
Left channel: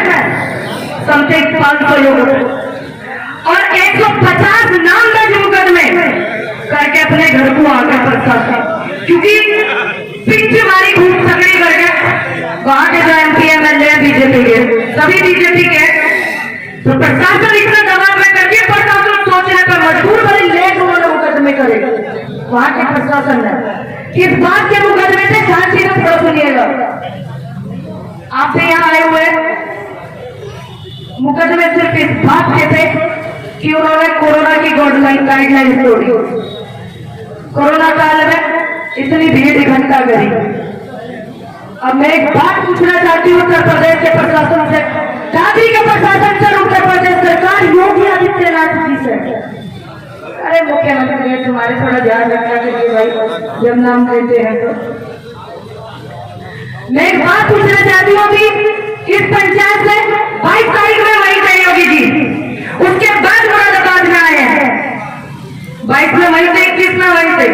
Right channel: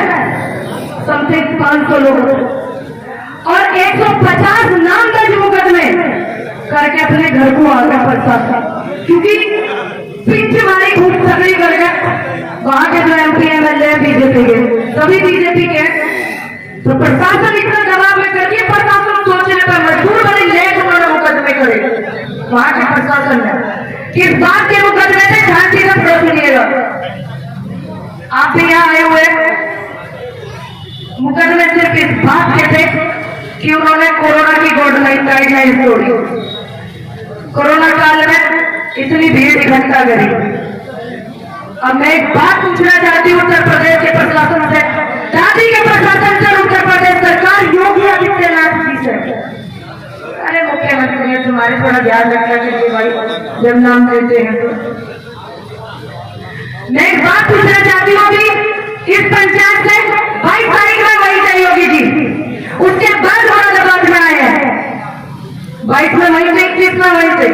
समथिंग 500 लोगों और 150 नाम दर्ज मुकदमे करके अपने घर को आ गया प्रशासन, क्योंकि पिंच मारी घूम सकड़ी करके वहां के जो MP MLA बीजेपी के, सभी बीजेपी के, तो प्रशासन इतना दबाव में करके प्रशासन सोचने पर मजबूर बने, लेट उन्होंने मुकदमे करे वहां के प्रशासन ने, किस बात के मुकदमे थे ध्यान से सुनिएगा, आप भी यहाँ आए हुए, मुकदमे सिर्फ इस बात के थे कि उन्होंने कोरोना की गाइडलाइन तोड़ी, कोरोना काल में इतनी भीड़ इकट्ठा करी। अब मैं एक बात पूछना चाहती हूँ उत्तर प्रदेश के प्रशासन से, दादी के प्रशासन से, उत्तर प्रदेश सरकार योगी आदित्यनाथ जी से, अरे मुख्यमंत्री तुम्हारे थोड़ा ध्यान रखना चाहिए भाई जब नाम देते हैं तो। मैं एक बात पूछना चाहती हूँ अभी इस पंचायत से 22 तारीख में वही थे योगी जी, उसके बाद मुरादाबाद में आए हैं, 22 में वही थे, 21 में वही थे,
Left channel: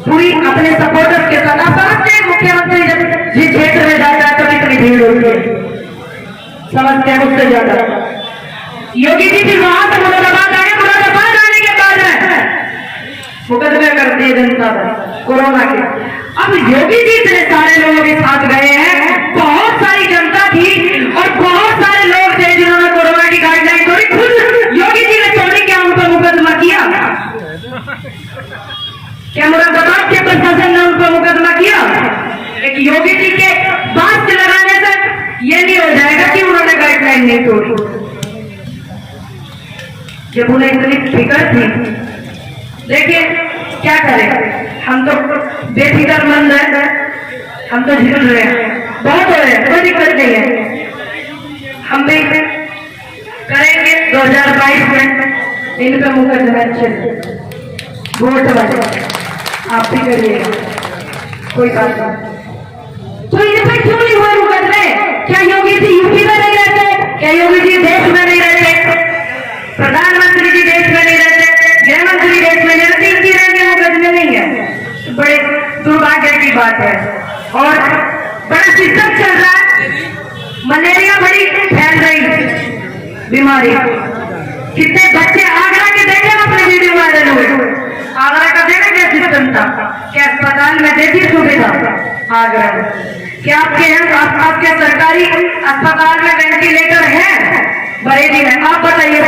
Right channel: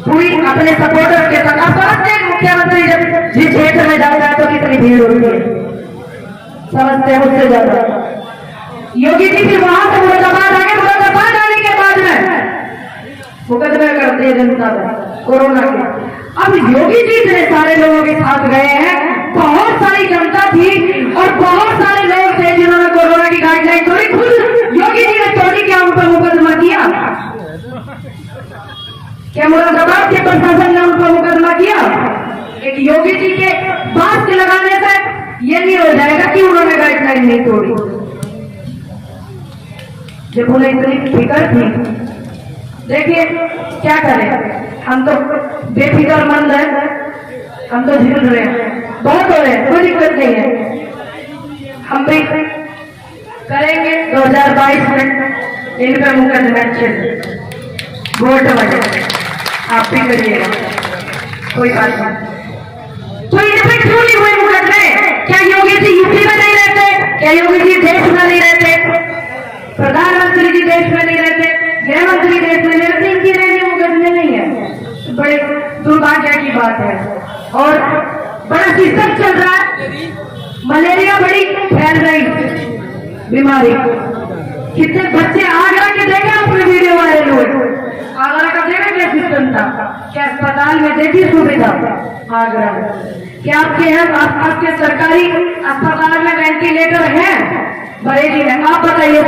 पूरी अपने सपोर्टर्स के साथ। आप समझते हैं मुख्यमंत्री जब जिस क्षेत्र में जाएगा तो कितनी भीड़ होती है, समझते हैं उससे ज्यादा। योगी जी फिर वहां से मुरादाबाद आगे, मुरादाबाद आने के बाद में मुकदमे कर दिए जनता पर कोरोना के। अब योगी जी इतने सारे लोगों के साथ गए हैं, बहुत सारी जनता थी और बहुत सारे लोग थे जिन्होंने कोरोना की गाइडलाइन तोड़ी, खुद योगी जी ने तोड़ी, क्या उन पर मुकदमा किया? क्या मुरादाबाद के प्रशासन ने उन पर मुकदमा किया? एक योगी जी के मास्क लगाने से ये नहीं हो जाएगा कि उन्होंने गाइडलाइन नहीं तोड़ी। जब उन्हें इतनी फिक्र थी, देखिए क्या करें, हम तो बेफिक्रमंद है, हम तो झूल रहे हैं, बहुत हो रहे हैं, कोई दिक्कत नहीं है। हम भी करेंगे 2022 में इन पर मुकदमा वोट बने, आप भी करिएगा, कोई बात नहीं। तो इन पर क्यों नहीं हुए मुकदमे? क्या योगी जी यूपी में नहीं रहते? क्या योगी जी देश में नहीं रहते? प्रधानमंत्री जी देश में नहीं रहते? गृह मंत्री देश में नहीं रहते? इनकी रहने मुकदमे नहीं है, बड़े दुर्भाग्य की बात है। और बड़ा सिस्टम चल रहा है, मलेरिया बड़ी फैल रही बीमारी। कितने बच्चे आगरा के देखे आपने वीडियो वायरल हुए, आगरा का देखा क्या सिस्टम था, क्या अस्पताल में देखी सुविधा आगरा में? क्या आपके सरकारी अस्पताल में वेंटिलेटर है? बरेली में आप बताइए,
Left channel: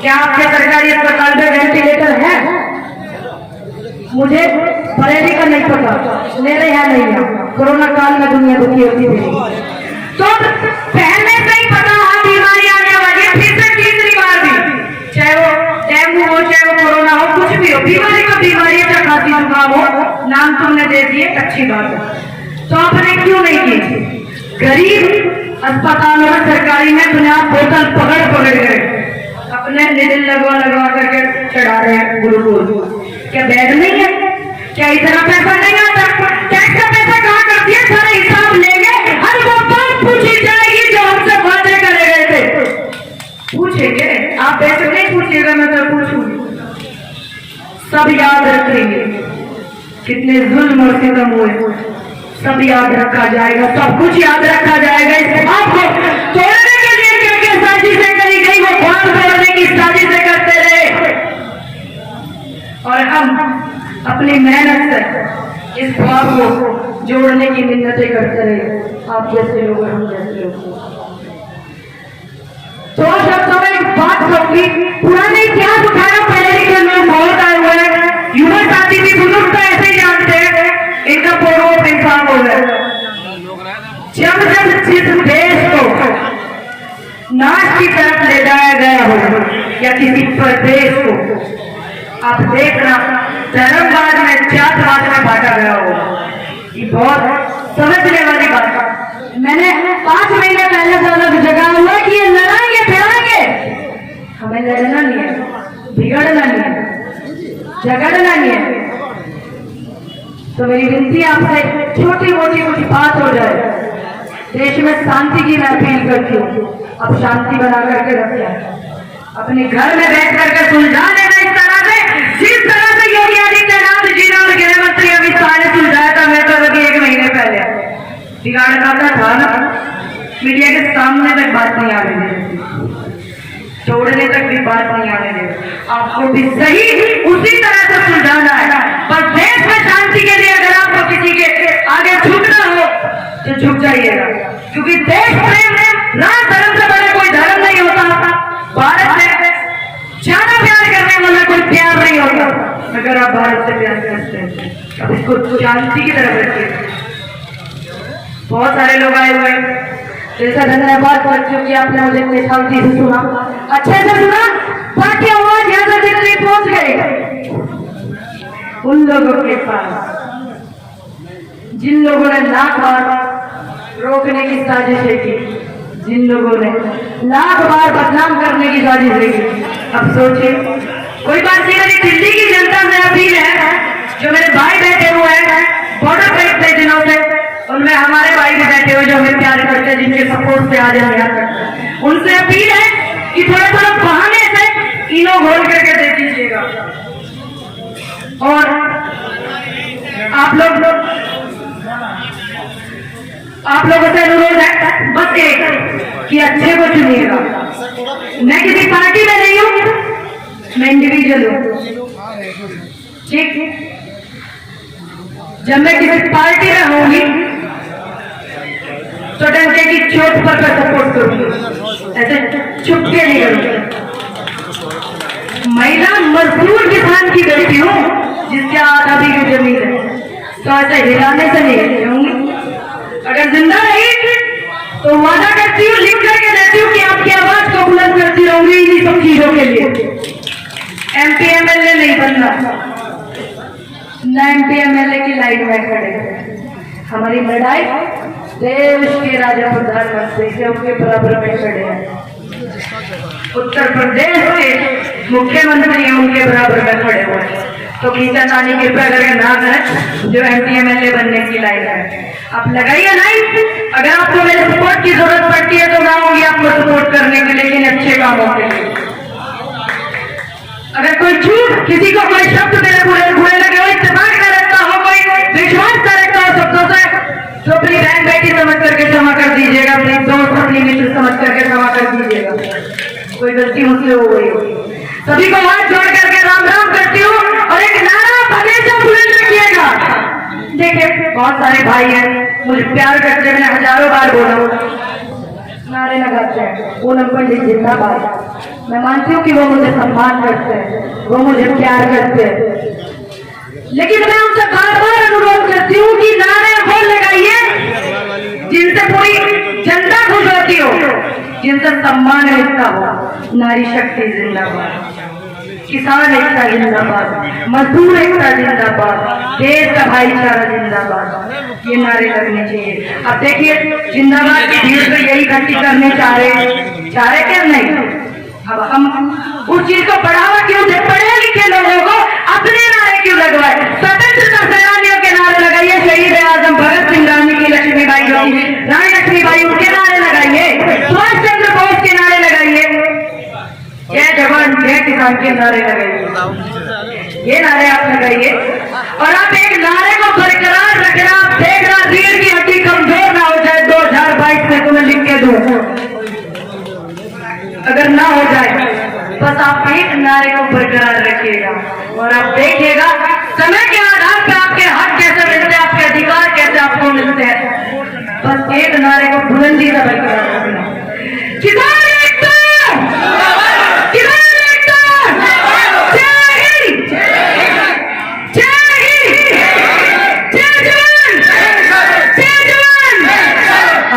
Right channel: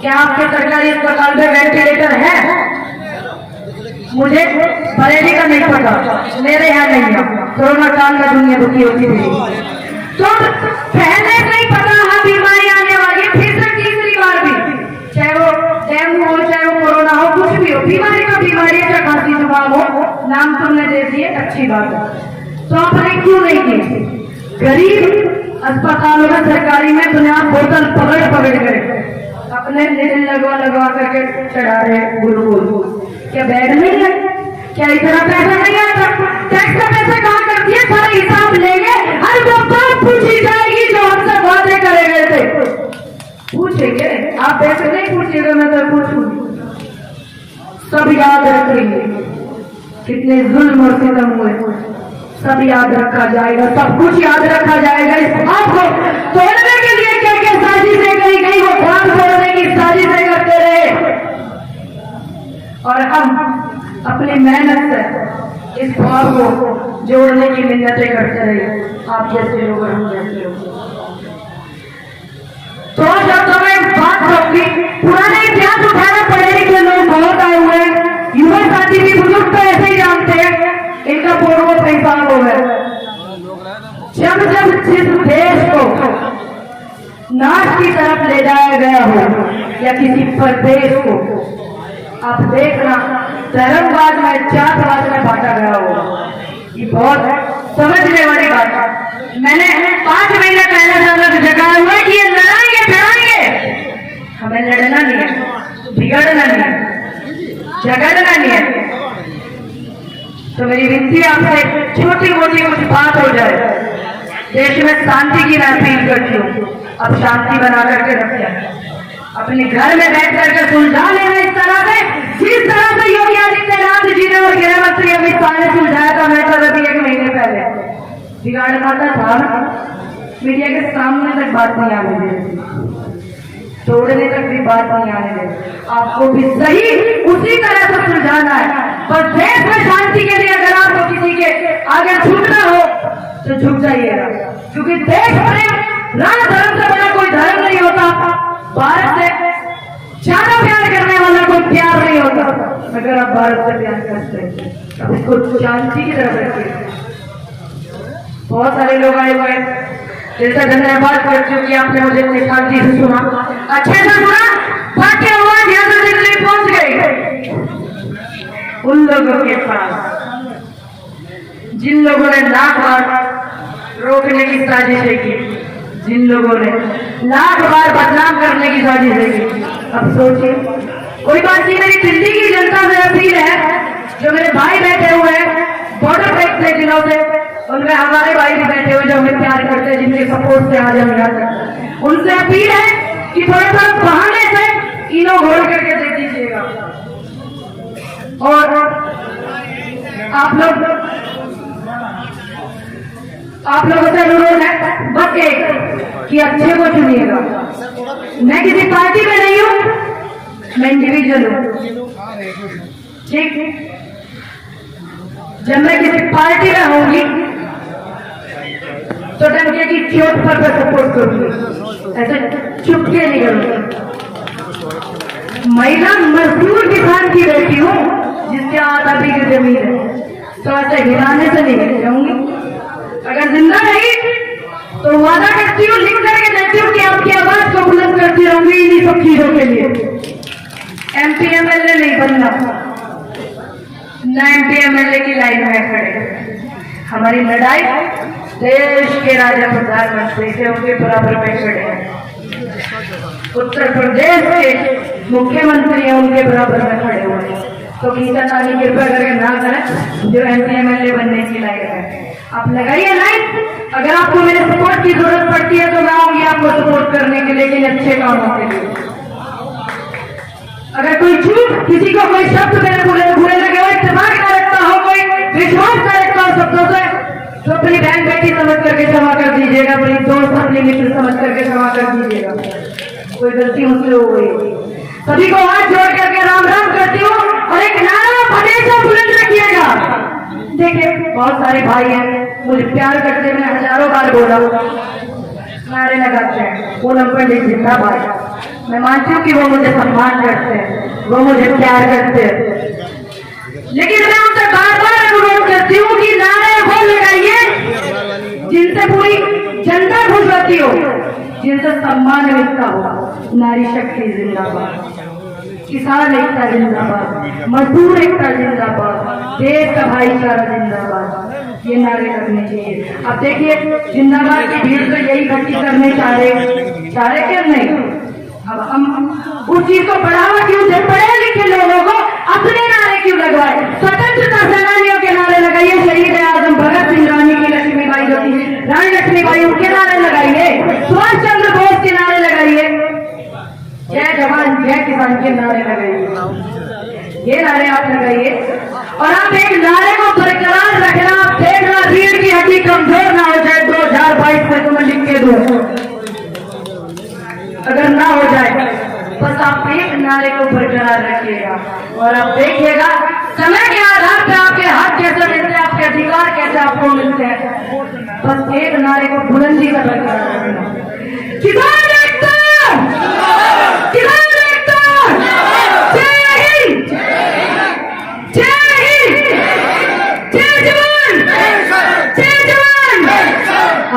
क्या आपके सरकारी अस्पताल में वेंटिलेटर है? मुझे बरेली का नहीं पता, मेरे यहाँ नहीं है। कोरोना काल में दुनिया दुखी होती थी, तो पहले से ही पता है बीमारी आने वाली है, फिर से तीसरी बार भी, चाहे वो डेंगू हो, चाहे वो कोरोना हो, कुछ भी हो, बीमारी तो बीमारी है, चाहे खांसी जुकाम हो, नाम तुमने दे दिए, अच्छी बात है। तो आपने क्यों नहीं की? गरीब अस्पतालों में सरकारी में बिना बोतल पकड़ गए, अपने निडल लगवा करके चढ़ा रहे हैं ग्लूकोज। क्या बेड नहीं है? क्या इतना पैसा नहीं आता? टैक्स का पैसा कहाँ कर दिया? सारा हिसाब लेंगे, हर वो बात पूछी जाएगी जो हमसे बातें करे गए थे। पूछेंगे आप, पैसे नहीं पूछिएगा, मैं तो पूछूंगी, सब याद रखेंगे कितने जुल्म और सितम हुए, सब याद रखा जाएगा, सब कुछ याद रखा जाएगा। इस बात को तोड़ने के लिए क्या क्या साजिशें करी गई, वो ख्वाब तोड़ने की साजिशें करते रहे, और हम अपनी मेहनत से इस ख्वाब को जोड़ने की मिन्नतें करते रहे, आप जैसे लोग और हम जैसे लोग। तो शब्दों में बात होगी, पुराने इतिहास उठाना, पहले के लोग बहुत आए हुए हैं, युवा साथी भी बुजुर्ग तो ऐसे ही जानते हैं, इनका पूर्व इंसान हो गया। जब जिस देश को नाश की तरफ ले जाया गया हो, या किसी प्रदेश को, आप देखना धर्मवाद में, जातवाद में बांटा गया हो, ये बहुत समझने वाली बात है। मैंने 5 महीने पहले समझ जगाया हुआ कि ये लड़ाएंगे भिड़ाएंगे, हमें लड़ना नहीं है, बिगड़ना नहीं है, झगड़ना नहीं है। तो मेरी विनती आपसे, छोटी मोटी कुछ बात हो जाए, देश में शांति की मैं अपील करती हूँ, अब शांति बना करके रखें, अपने घर में बैठ करके सुलझा लेना। इस तरह से, जिस तरह से योगी आदित्यनाथ जी ने और गृह मंत्री अमित शाह ने सुलझाया था, मैं तो अभी 1 महीने पहले बिगाड़ना था ना, मीडिया के सामने तक बात नहीं आने दे, छोड़ने तक भी बात नहीं आने दे। आपको भी सही उसी तरह से सुलझाना है, पर देश में शांति के लिए अगर आपको किसी के आगे झुकना हो तो झुक जाइएगा, क्योंकि देश प्रेम राज धर्म से बड़ा कोई धर्म नहीं होता। भारत से ज्यादा प्यार करने वाला कोई प्यार नहीं होता। अगर आप भारत से प्यार करते हैं अब इसको शांति की तरफ रखिए। बहुत सारे लोग आए हुए हैं, जैसा धन्यवाद करती हूँ कि आपने मुझे इतने शांति से सुना, अच्छे से सुना, ताकि आवाज यहाँ से दिल्ली पहुंच गई। उन लोगों के पास जिन लोगों ने लाख बार रोकने की साजिशें की, जिन लोगों ने लाख बार बदनाम करने की साजिशें की, अब सोचिए। कोई बात नहीं, मेरी दिल्ली की जनता से अपील है, जो मेरे भाई बैठे हुए हैं बॉर्डर पे इतने दिनों से, उनमें हमारे भाई भी बैठे हुए जो हमें प्यार करते हैं, जिनके सपोर्ट से आज हम यहाँ करते हैं, उनसे अपील है कि थोड़ा थोड़ा बहाने से इनो घोल करके देख लीजिएगा। और आप लोगों से अनुरोध है बस एक कि अच्छे को चुनिएगा। मैं किसी पार्टी में नहीं हूँ, मैं इंडिविजुअल हूँ, ठीक। जब मैं किसी पार्टी में होंगी तो डंके की चोट पर मैं सपोर्ट करूंगी, ऐसे चुपके नहीं करूंगी। महिला मजदूर किसान की बेटी हूँ, जिसके हाथ अभी की जमीन है, तो ऐसे हिलाने से नहीं रहूंगी। अगर जिंदा रही तो वादा करती हूँ, लिख करके देती हूँ कि आपकी आवाज को बुलंद करती रहूंगी इन्हीं सब चीजों के लिए। MP MLA नहीं बनना, ना MP MLA की लाइन में खड़े। हमारी लड़ाई देश के राजा प्रधानमंत्री से उनके बराबर में खड़े हैं। उत्तर प्रदेश के मुख्यमंत्री हैं, उनके बराबर में खड़े हुए हैं। तो किशन रानी कृपया करके ना करें जो MP MLA बनने की लायक है। आप लगाइए लाइन। अगर आपको मेरे सपोर्ट की जरूरत पड़ती है तो मैं आऊंगी आपको सपोर्ट करने के लिए, लेकिन अच्छे कामों के लिए। अगर कोई झूठ, किसी को कोई शब्द मेरे बुरे लगे हो, इत्तेफाक न रखता हो, कोई विश्वास न रखता हो शब्दों से, तो अपनी बहन बेटी समझ करके क्षमा कर दीजिएगा, अपनी दोस्त अपनी मित्र समझ करके क्षमा कर दीजिएगा। कोई गलती मुझसे हो गई हो। सभी को हाथ जोड़ करके राम राम करती हूँ और एक नारा हमेशा बुलंद रखिएगा। देखिए बहुत सारे भाई हैं मुझे प्यार करते, मैंने हजारों बार बोला, नारे लगाते हैं पूनम पंडित जिंदाबाद। मैं मानती हूँ कि वो मुझे सम्मान करते हैं, वो मुझे प्यार करते हैं, लेकिन मैं उनसे बार बार अनुरोध करती हूँ कि नारे वो लगाइए जिनसे पूरी जनता खुश होती हो, जिनसे सम्मान मिलता हो। नारी शक्ति जिंदाबाद, किसान एकता जिंदाबाद, मजदूर एकता जिंदाबाद, देश का भाईचारा जिंदाबाद, ये नारे लगने चाहिए। अब देखिए जिंदाबाद की भीड़ तो यही इकट्ठी करने चाह रहे क्या नहीं। अब हम उस चीज को बढ़ावा क्यों दे, पढ़े लिखे लोगों को अपने नारे क्यों लगवाए। स्वतंत्रता सेनानियों के नारे लगाइए, शहीद आजम भगत सिंह, लक्ष्मीबाई होगी, रानी लक्ष्मीबाई, उनके नारे लगाइए, सुभाष चंद्र बोस के नारे लगाइए, जय जवान जय किसान के नारे लगाइए। ये नारे आप लगाइए और आप एक नारे को बरकरार रखना। आप देखना रीढ़ की हड्डी कमजोर ना हो जाए 2022 में, तुम्हें लिख के दो। अगर ना हो जाए बस आप एक नारे को बरकरार रखिएगा और आप देखिएगा समय के आधार पर आपके हक कैसे मिलते हैं, आपके अधिकार कैसे आपको मिलते हैं। बस एक नारे को बुलंदी से बरकरार रखना। किसान एकता, किसान एकता, जय हिंद, जय हिंद, जय जवान, जय जवान।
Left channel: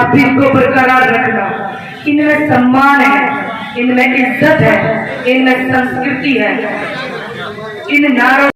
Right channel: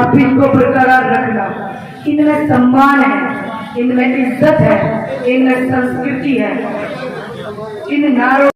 आप इनको बरकरार रखना। इनमें सम्मान है, इनमें इज्जत है, इनमें संस्कृति है। इन नारों